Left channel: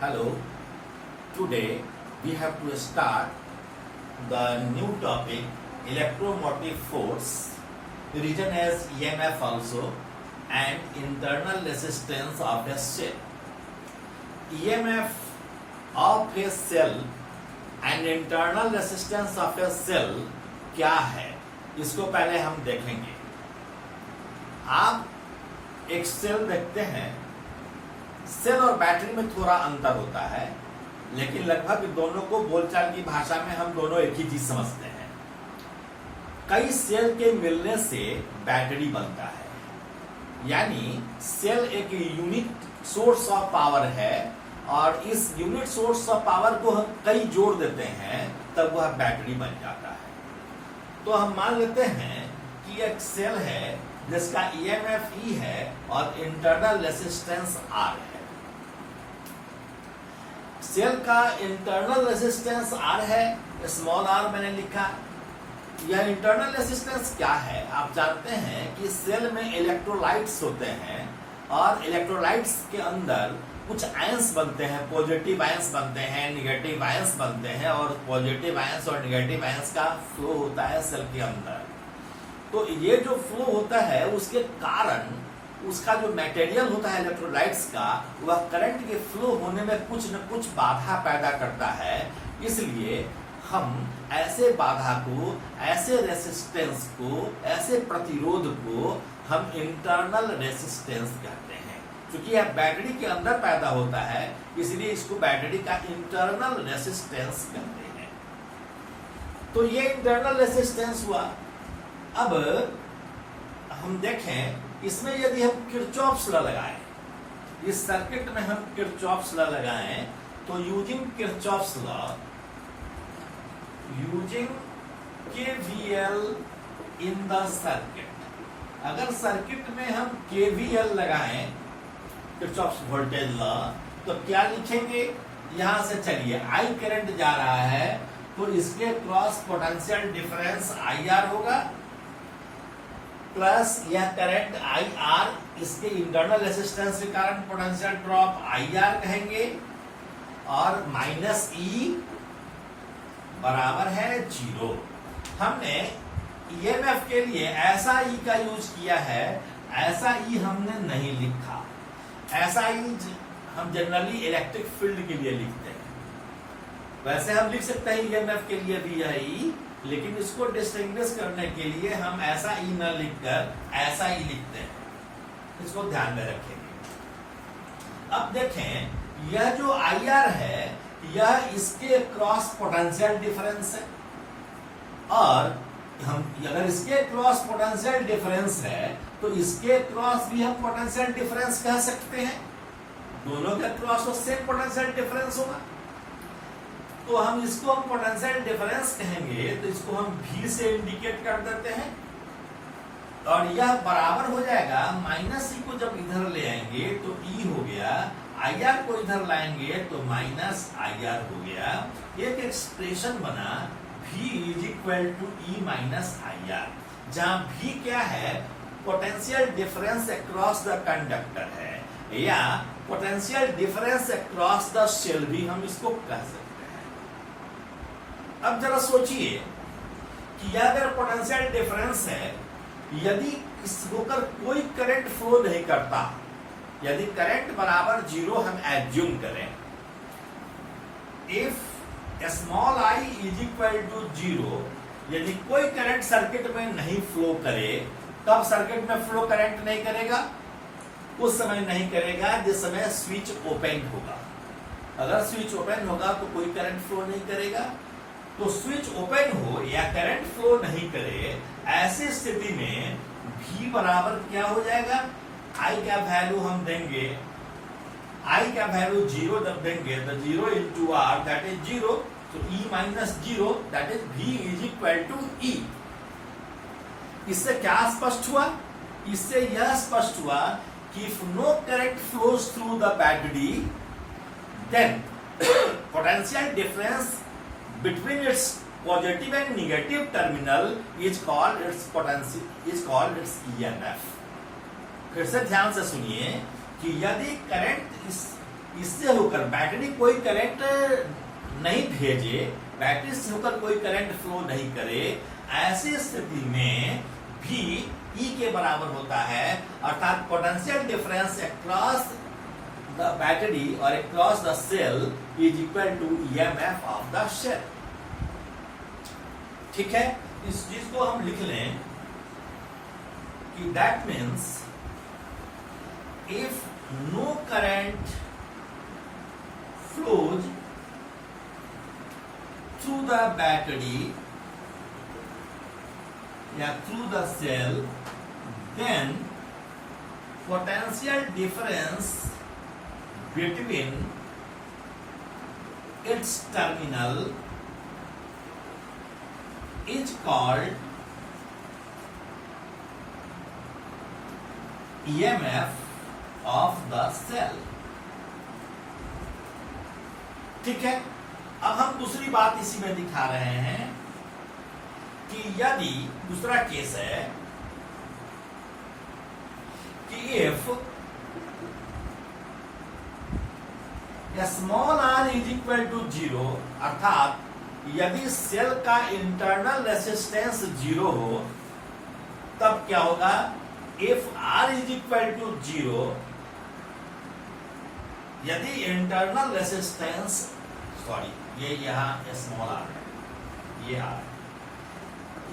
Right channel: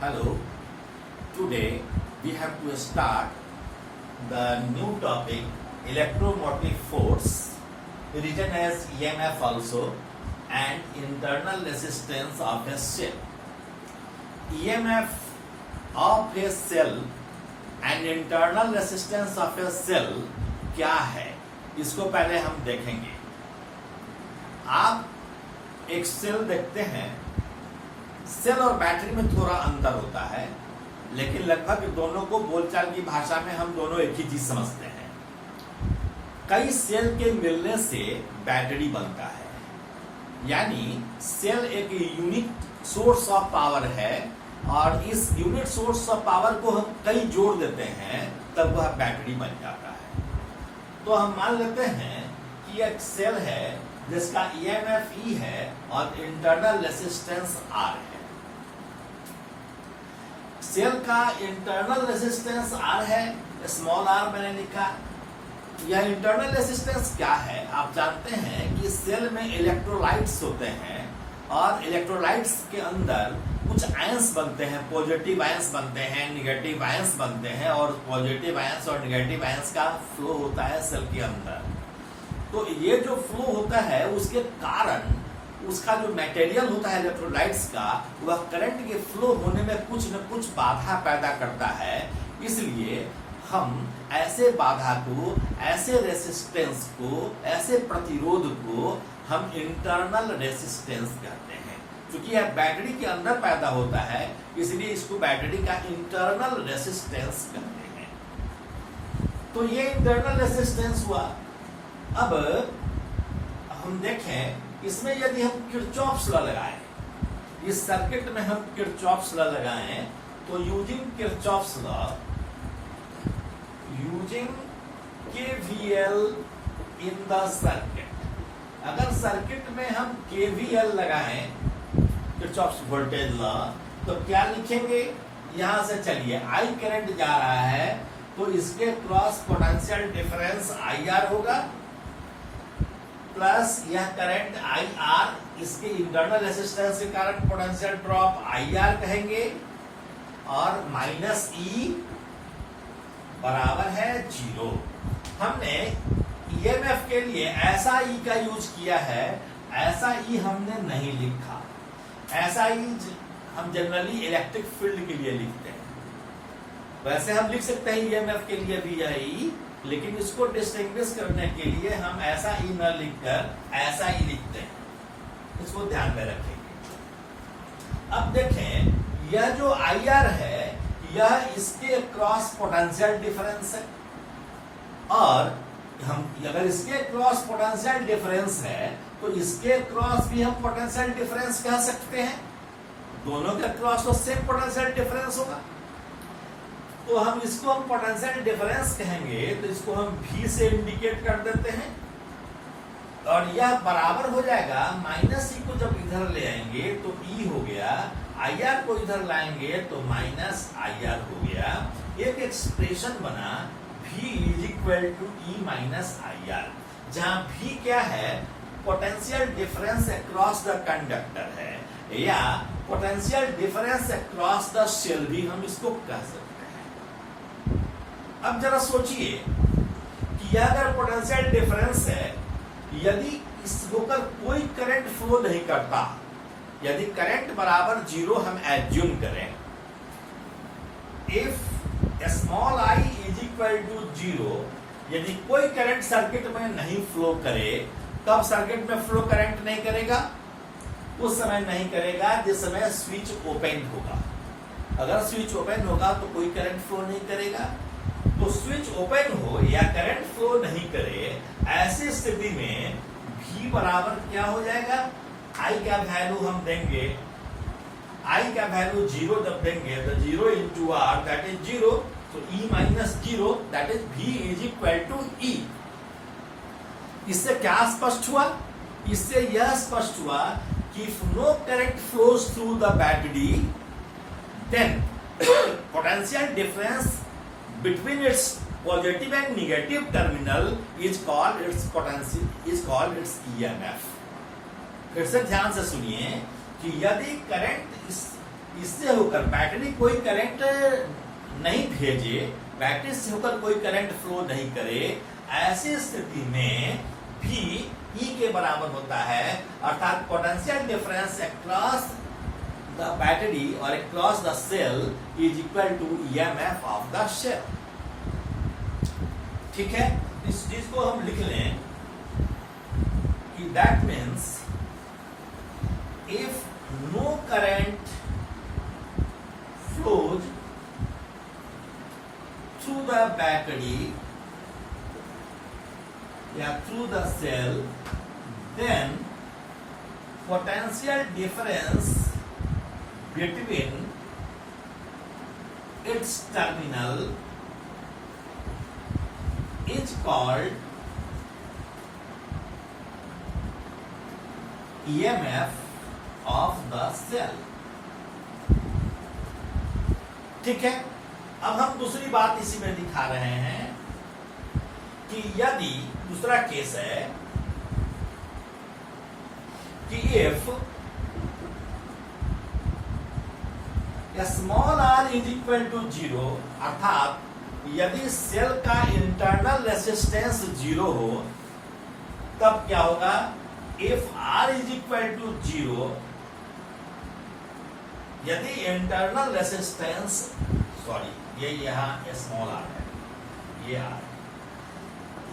Hello, today we have to start the new topic electromotive force, written as EMF also, and internal resistance of a cell. EMF of a cell and internal resistance of a cell क्या है, इसको पहले हम देखेंगे। आप एक cell देखते हैं, सेल और बैटरी में थोड़ा अंतर होता है, लेकिन लगभग दोनों को बोलचाल की भाषा में हम दोनों एक ही चीज समझते हैं। कई सेल के मिलने से बैटरी बनता है, यानी सेल एक यूनिट सोर्स ऑफ पावर है और इस यूनिट सोर्स ऑफ पावर को हम कई जोड़ देते हैं तब वह बैटरी बन जाता है। तो हम मान लेते हैं कि एक सेल है जिसका EMF E है और इंटरनल रेजिस्टेंस R है। सेल का इंटरनल रेजिस्टेंस R है, स्मॉल r मैंने लिखा। यह इंटरनल रेजिस्टेंस क्या है? आप जानते हैं कि सेल में इलेक्ट्रोलाइट्स होते हैं और इलेक्ट्रोलाइट्स के अंदर कुछ आयंस बनते हैं, पॉजिटिव आयंस बनते हैं, निगेटिव आयंस बनते हैं और पॉजिटिव आयंस और निगेटिव आयंस का फ्लो होता है सेल के अंदर। तो ये जो फ्लो होता है उसके कारण उसका जो मटेरियल होता है इलेक्ट्रोलाइट्स का, वह करंट के फ्लो होने में कुछ न कुछ बाधा पैदा करता है। इसलिए हम ऐसे बाधा को, ऐसे रेसिस्टेंस को, ऐसे प्रतिरोध को हम इंटरनल रेसिस्टेंस कहते हैं। क्योंकि यह बैटरी के अंदर पैदा होता है, इसलिए इसको बैटरी का इंटरनल रेसिस्टेंस कहते हैं। तो ये इंटरनल रेसिस्टेंस हुआ। अब हम देखें, इसमें यदि हम किरचॉफ्स लॉ लगाएं, इस सर्किट में हम किरचॉफ्स लॉ लगाएं, तो using Kirchhoff's law, using KVL in the circuit, अगर सर्किट में हम KVL लगाएं, किरचॉफ्स वोल्टेज लॉ, तो क्या लिखेंगे? यहां से चलिए, I करंट जा रहा है तो इसके क्रॉस पोटेंशियल डिफरेंस IR होगा, प्लस यह करंट IR, इसके इंटरनल रेजिस्टेंस के कारण पोटेंशियल ड्रॉप IR कहेंगे, और माइनस E बराबर है 0। हमने EMF के लिए ऐसा E का यूज किया है, ऐसा E हमने नहीं लिखा। ऐसा E हम जनरली इलेक्ट्रिक फील्ड के लिए लिखते हैं। वैसे हम लिख सकते हैं EMF के लिए भी यह E, लेकिन इसको डिस्टिंग्विश करने के लिए हम ऐसा E न लिखकर ऐसा E लिखते हैं। इसको ध्यान में रखेंगे। अब देखें, यह जो IR है यह इसके क्रॉस पोटेंशियल डिफरेंस है, और हम अगर इसके क्रॉस पोटेंशियल डिफरेंस है तो इसके क्रॉस भी हम पोटेंशियल डिफरेंस कह सकते हैं। दोनों का क्रॉस तो सेम पोटेंशियल डिफरेंस होगा, तो हम इसको हम पोटेंशियल डिफरेंस कहेंगे, तो इसको हम V से इंडिकेट कर देते हैं, और यह बराबर हो जाएगा माइनस E को जब इधर ले आएंगे तो E हो गया, IR को इधर लाएंगे तो माइनस IR हो गया। एक एक्सप्रेशन बना V is equal to E minus IR, जहां V क्या है? Potential difference across the conductor है, या potential difference across the cell भी हम इसको कह सकते हैं। अब जरा सोचिए कि अगर पोटेंशियल डिफरेंस है, यदि इस होकर कोई करंट फ्लो नहीं करता, यदि करंट बराबर 0 हम एज्यूम करें, if small I is equal to 0, यदि कोई करंट सर्किट में नहीं फ्लो करे, तब सर्किट में फ्लो करंट नहीं करेगा, उस समय नहीं करेगा जिस समय स्विच ओपन होगा। अगर स्विच ओपन होगा तो कोई करंट फ्लो नहीं करेगा। तो स्विच ओपन हो या करंट फ्लो नहीं करे, ऐसी स्थिति में V बराबर क्या हो जाएगा? I का वैल्यू हम देंगे, I का वैल्यू 0 जब देंगे तो 0 इंटू R दैट इज 0, तो E minus 0 that is V is equal to E। इससे क्या स्पष्ट हुआ? इससे यह स्पष्ट हुआ कि if no current flows through the battery, then potential difference between its positive and negative terminal is called its potential, is called its EMF। फिर से ध्यान से सुनिए कि यदि करंट इस इससे होकर बैटरी कोई करंट नहीं भेजे, बैटरी से होकर कोई करंट फ्लो नहीं करे, ऐसी स्थिति में भी E के बराबर होता है, अर्थात potential difference across the battery और across the cell is equal to EMF of the cell. ठीक है, इस चीज को हम लिख लें कि that means if no current flows through the battery या through the cell, then potential difference between its terminal is called EMF of the cell। ठीक है, अब हम दूसरी बात इसी में दिखा रहे हैं कि यदि दूसरा केस है कि if small r is equal to 0, अर्थात यदि सेल का इंटरनल रेसिस्टेंस 0 हो, तब क्या होगा? If r is equal to 0, यदि इंटरनल रेसिस्टेंस, सॉरी ये यहां स्मॉल r है, ये r,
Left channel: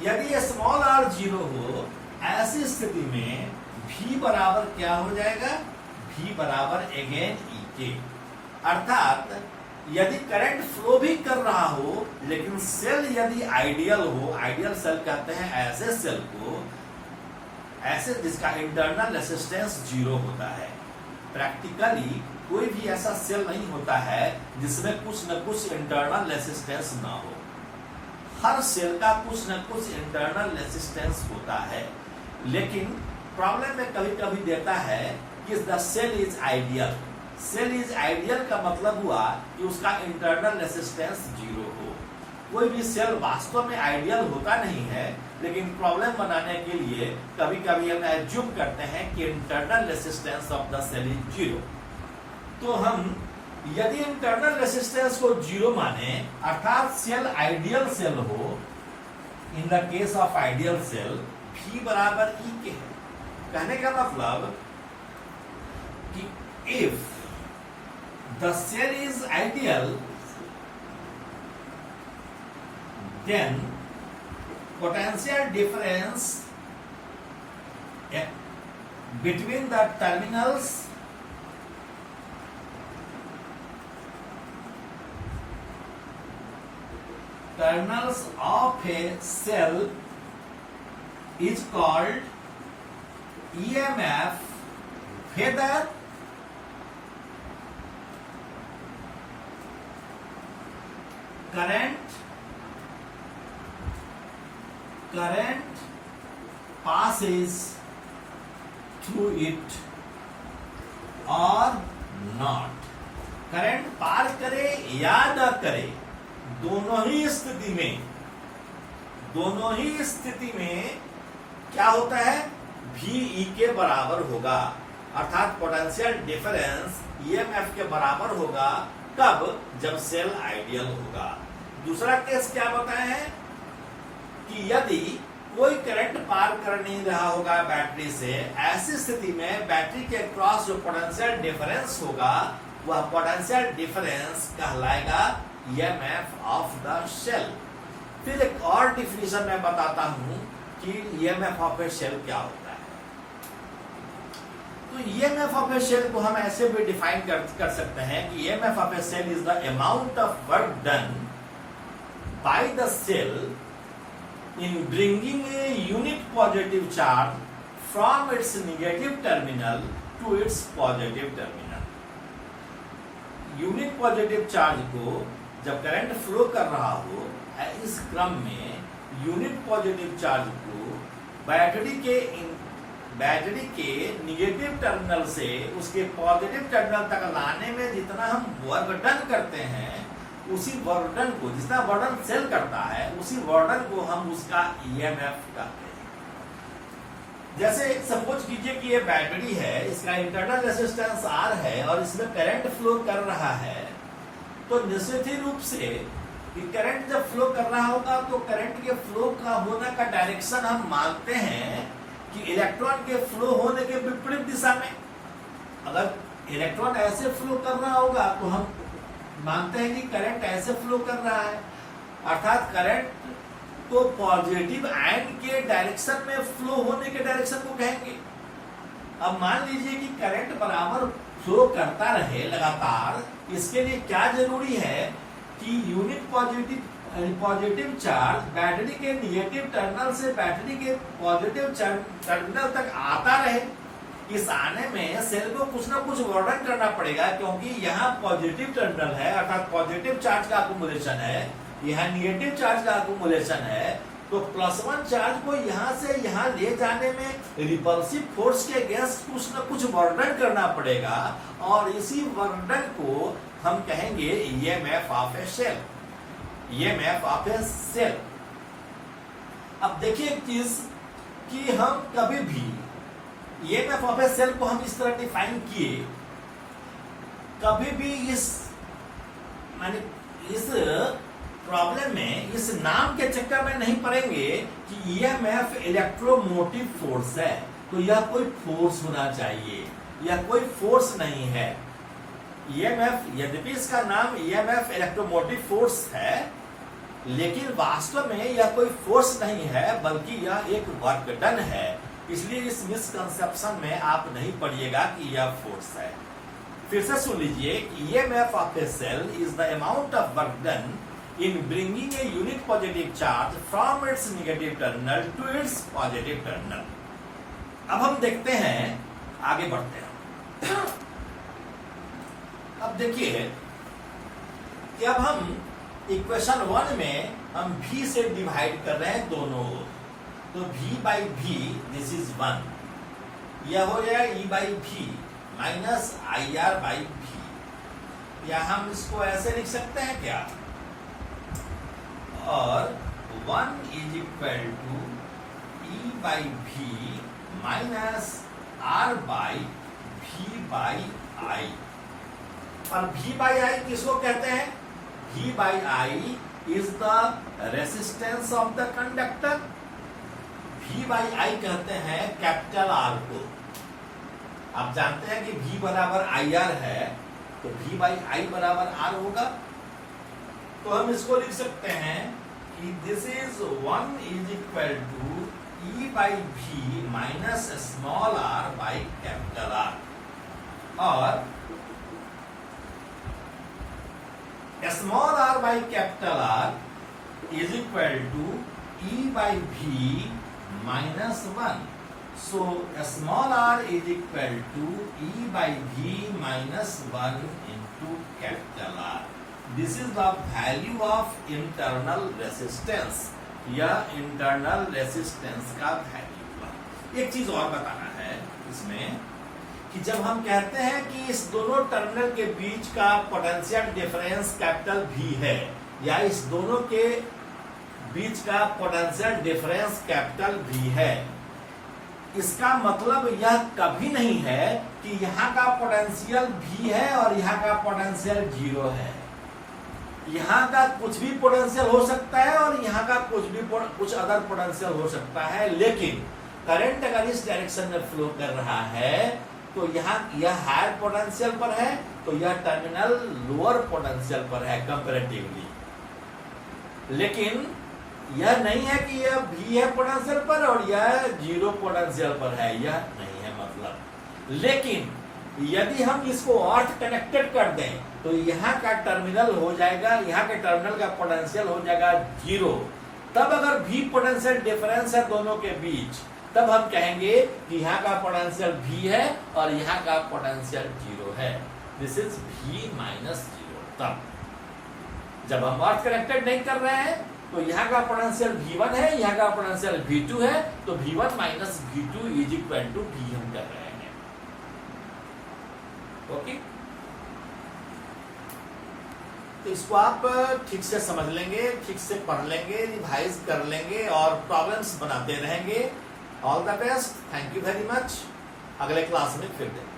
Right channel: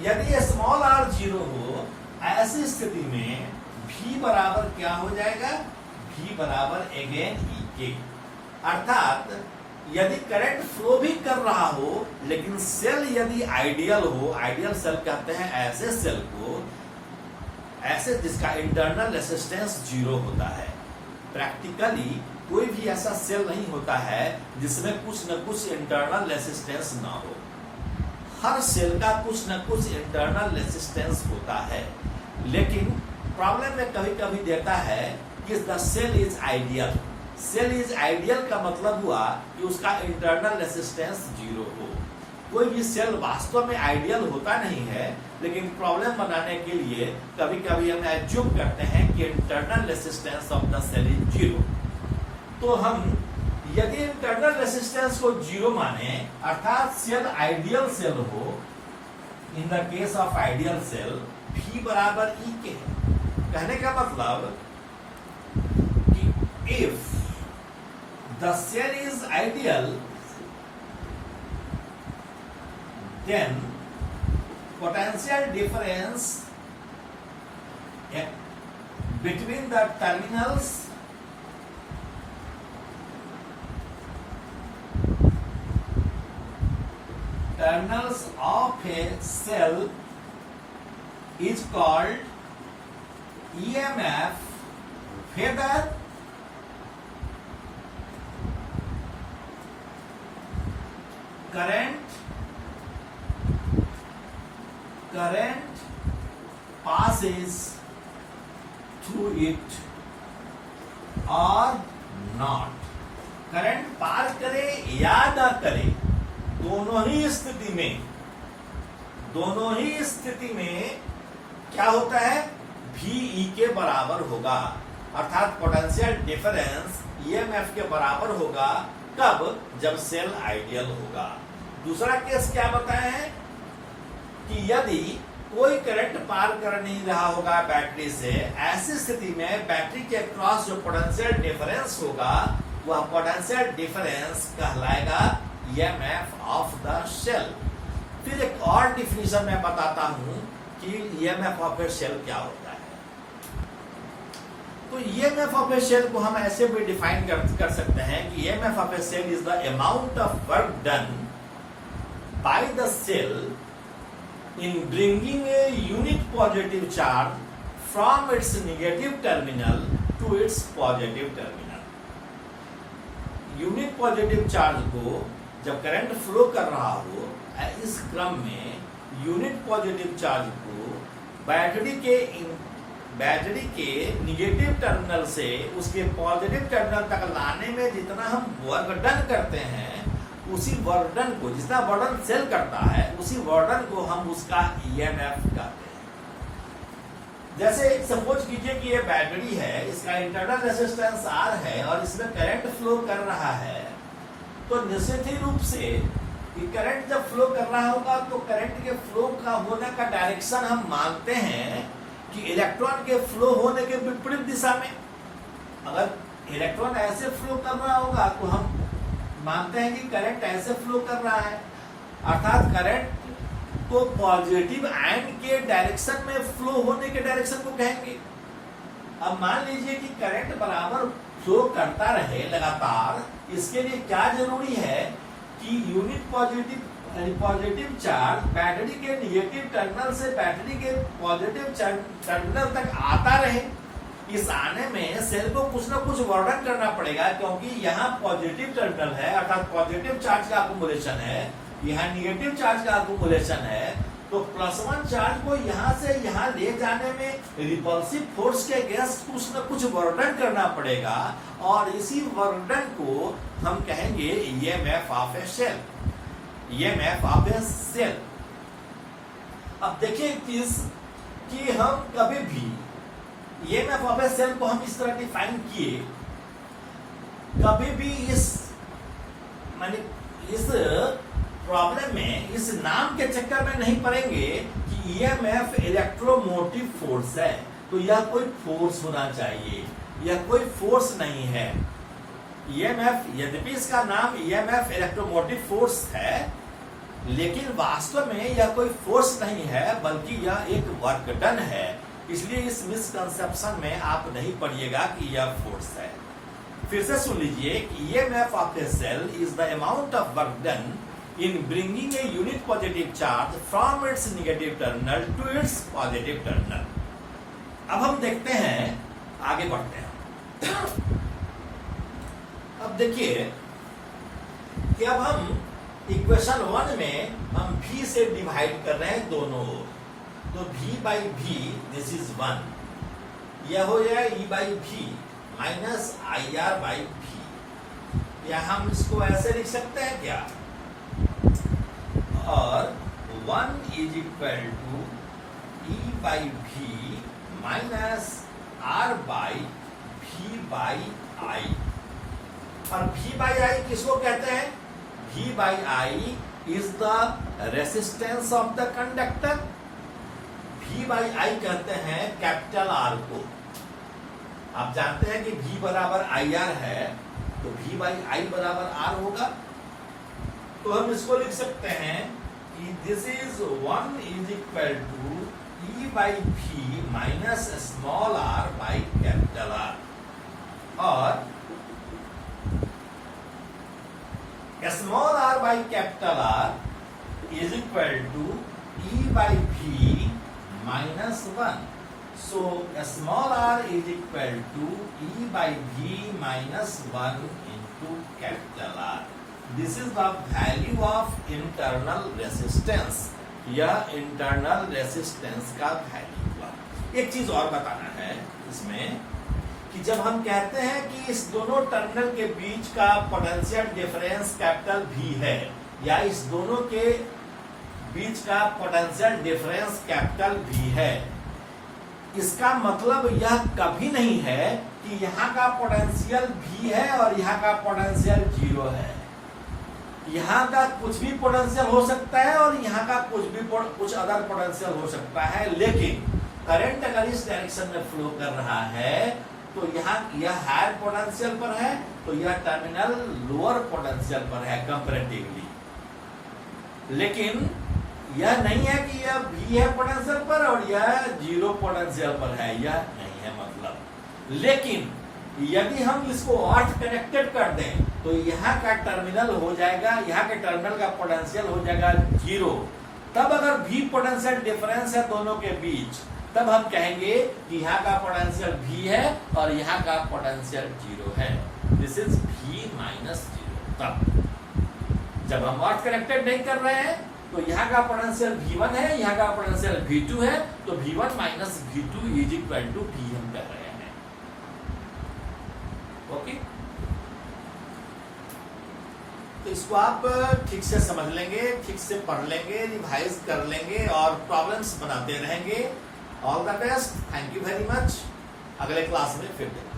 यदि स्मॉल r 0 हो, ऐसी स्थिति में V बराबर क्या हो जाएगा? V बराबर अगेन E के, अर्थात यदि करंट फ्लो भी कर रहा हो लेकिन सेल यदि आइडियल हो, आइडियल सेल कहते हैं ऐसे सेल को, ऐसे जिसका इंटरनल रेसिस्टेंस 0 होता है। प्रैक्टिकली कोई भी ऐसा सेल नहीं होता है जिसमें कुछ न कुछ इंटरनल रेसिस्टेंस ना हो। हर सेल का कुछ न कुछ इंटरनल रेसिस्टेंस होता है, लेकिन प्रॉब्लम में कभी कभी देता है कि the cell is ideal. Cell is ideal का मतलब हुआ कि उसका इंटरनल रेसिस्टेंस 0 हो। कोई भी सेल वास्तव में आइडियल होता नहीं है, लेकिन प्रॉब्लम बनाने के लिए कभी कभी हम एज्यूम करते हैं कि internal resistance of the cell is 0। तो हम यदि इंटरनल रेसिस्टेंस को 0 माने, अर्थात सेल आइडियल सेल हो, in the case of ideal cell V बराबर E के, कहने का मतलब कि if the cell is ideal then potential difference between the terminals of a cell is called EMF, whether current passes through it or not। Current पार करे या न करे, दोनों ही स्थिति में क्या होता है? VE के बराबर होगा, अर्थात पोटेंशियल डिफरेंस EMF के बराबर होगा। कब? जब सेल आइडियल होगा। दूसरा केस क्या बताए हैं कि यदि कोई करंट पार कर नहीं रहा होगा बैटरी से, ऐसी स्थिति में बैटरी के क्रॉस जो पोटेंशियल डिफरेंस होगा, वह पोटेंशियल डिफरेंस कहलाएगा EMF ऑफ द सेल। फिर एक और डिफिनेशन मैं बताता हूं कि EMF ऑफ ए सेल क्या होता है। तो EMF ऑफ ए सेल को हम ऐसे भी डिफाइन कर सकते हैं कि EMF of a cell is the amount of work done by the cell in bringing a unit positive charge from its negative terminal to its positive terminal। Unit positive charge को जब current flow कर रहा हो, इस क्रम में unit positive charge को battery के निगेटिव टर्मिनल से उसके पॉजिटिव टर्मिनल तक लाने में जितना हम वर्क डन करते हैं, उसी वर्डन को, जितना वर्डन सेल करता है, उसी वर्डन को हम उसका EMF कहते हैं। जैसे एक सपोज कीजिए कि ये बैटरी है, इसका इंटरनल रेजिस्टेंस R है और इसमें करंट फ्लो कर रहा है, तो निश्चित ही रूप से कि करंट जब फ्लो कर रहा होगा तो करंट के फ्लो का होने का डायरेक्शन हम मानते हैं कि इलेक्ट्रॉन के फ्लो होने के विपरीत दिशा में। अगर इलेक्ट्रॉन ऐसे फ्लो कर रहा होगा तो हम मानते हैं कि करंट ऐसे फ्लो कर रहा है, अर्थात करंट तो पॉजिटिव आयन के डायरेक्शन में फ्लो होने के डायरेक्शन को कहेंगे। अब मान लीजिए कि करंट बराबर फ्लो करता रहे लगातार, इसके लिए क्या जरूरी है कि यूनिट पॉजिटिव चार्ज बैटरी के निगेटिव टर्मिनल से बैटरी के पॉजिटिव टर्मिनल तक आता रहे। इस आने में सेल को कुछ ना कुछ वर्णन करना पड़ेगा, क्योंकि यहाँ पॉजिटिव टर्मिनल है अर्थात पॉजिटिव चार्ज का अकुमुलेशन है, यहाँ निगेटिव चार्ज का अकुमुलेशन है, तो +1 चार्ज को यहाँ से यहाँ ले जाने में रिपल्सिव फोर्स के अगेंस्ट कुछ न कुछ वर्णन करना पड़ेगा, और इसी वर्णन को हम कहेंगे EMF of a cell, EMF of a cell. अब देखिए एक चीज कि हम कभी भी EMF ऑफ ए सेल को हम इस तरह डिफाइन किए, कभी भी इस प्रॉब्लम में इस नाम के चक्कर में नहीं पड़ेंगे कि EMF इलेक्ट्रोमोटिव फोर्स है, तो यह कोई फोर्स होना चाहिए, यह कोई फोर्स नहीं है। EMF यद्यपि इसका नाम EMF इलेक्ट्रोमोटिव फोर्स है, लेकिन वास्तव में यह कोई फोर्स नहीं है, बल्कि यह एक वर्क डन है। इसलिए इस मिसकंसेप्शन में आप नहीं पढ़िएगा कि यह फोर्स है। फिर से सुन लीजिए कि EMF of a cell is the amount of work done in bringing a unit positive charge from its negative terminal to its positive terminal। अब हम देखते हैं, आगे बढ़ते हैं। अब देखिए कि अब हम इक्वेशन 1 में हम V से डिवाइड कर रहे हैं दोनों ओर, तो V by V this is 1, यह हो जाए E by V minus IR by V। या हम इसको ऐसे लिख सकते हैं क्या, और 1 is equal to E by V minus R by V by I। और V by I किसको कहते हैं, V by I is the resistance of the conductor. V by I कहते हैं कैपिटल R को। आप जानते हैं कि V बराबर IR है, तो V by I बराबर R होगा। तो हम इसको लिख सकते हैं कि this is 1 is equal to E by V minus small r by capital R, और small r by capital R is equal to E by V minus 1। So small r is equal to E by V minus 1 into capital R। This is the value of internal resistance, या internal resistance का value हुआ। एक चीज और बताना है इसमें कि जब हम कहते हैं कि इस दोनों टर्मिनल के बीच का पोटेंशियल डिफरेंस कैपिटल V है, या इस दोनों के बीच का पोटेंशियल डिफरेंस कैपिटल V है, इसका मतलब यह कभी नहीं है कि यहाँ का पोटेंशियल V है और यहाँ का पोटेंशियल 0 है। यहाँ का कुछ भी पोटेंशियल हो सकता है और यहाँ का कुछ अदर पोटेंशियल हो सकता है, लेकिन करंट अगर इस डायरेक्शन में फ्लो कर रहा है तो यहाँ यह हायर पोटेंशियल पर है, तो यह टर्मिनल लोअर पोटेंशियल पर है कंपैरेटिवली। लेकिन यह नहीं है कि यह V है पोटेंशियल पर और यह 0 पोटेंशियल पर है, यह नहीं है मतलब। लेकिन यदि हम इसको अर्थ कनेक्टेड कर दें तो यहाँ का टर्मिनल हो जाएगा, यहाँ के टर्मिनल का पोटेंशियल हो जाएगा 0। तब अगर V पोटेंशियल डिफरेंस है दोनों के बीच, तब हम कहेंगे कि यहाँ का पोटेंशियल V है और यहाँ का पोटेंशियल 0 है। This is V minus 0। तब जब हम अर्थ कनेक्टेड नहीं कर रहे हैं तो यहाँ का पोटेंशियल V1 है, यहाँ का पोटेंशियल V2 है, तो V1 minus V2 is equal to V हम कर रहे हैं। ओके, तो इसको आप ठीक से समझ लेंगे, ठीक से पढ़ लेंगे, रिवाइज कर लेंगे और प्रॉब्लम्स बनाते रहेंगे, all the best, thank you very much. अगले क्लास में फिर देखें।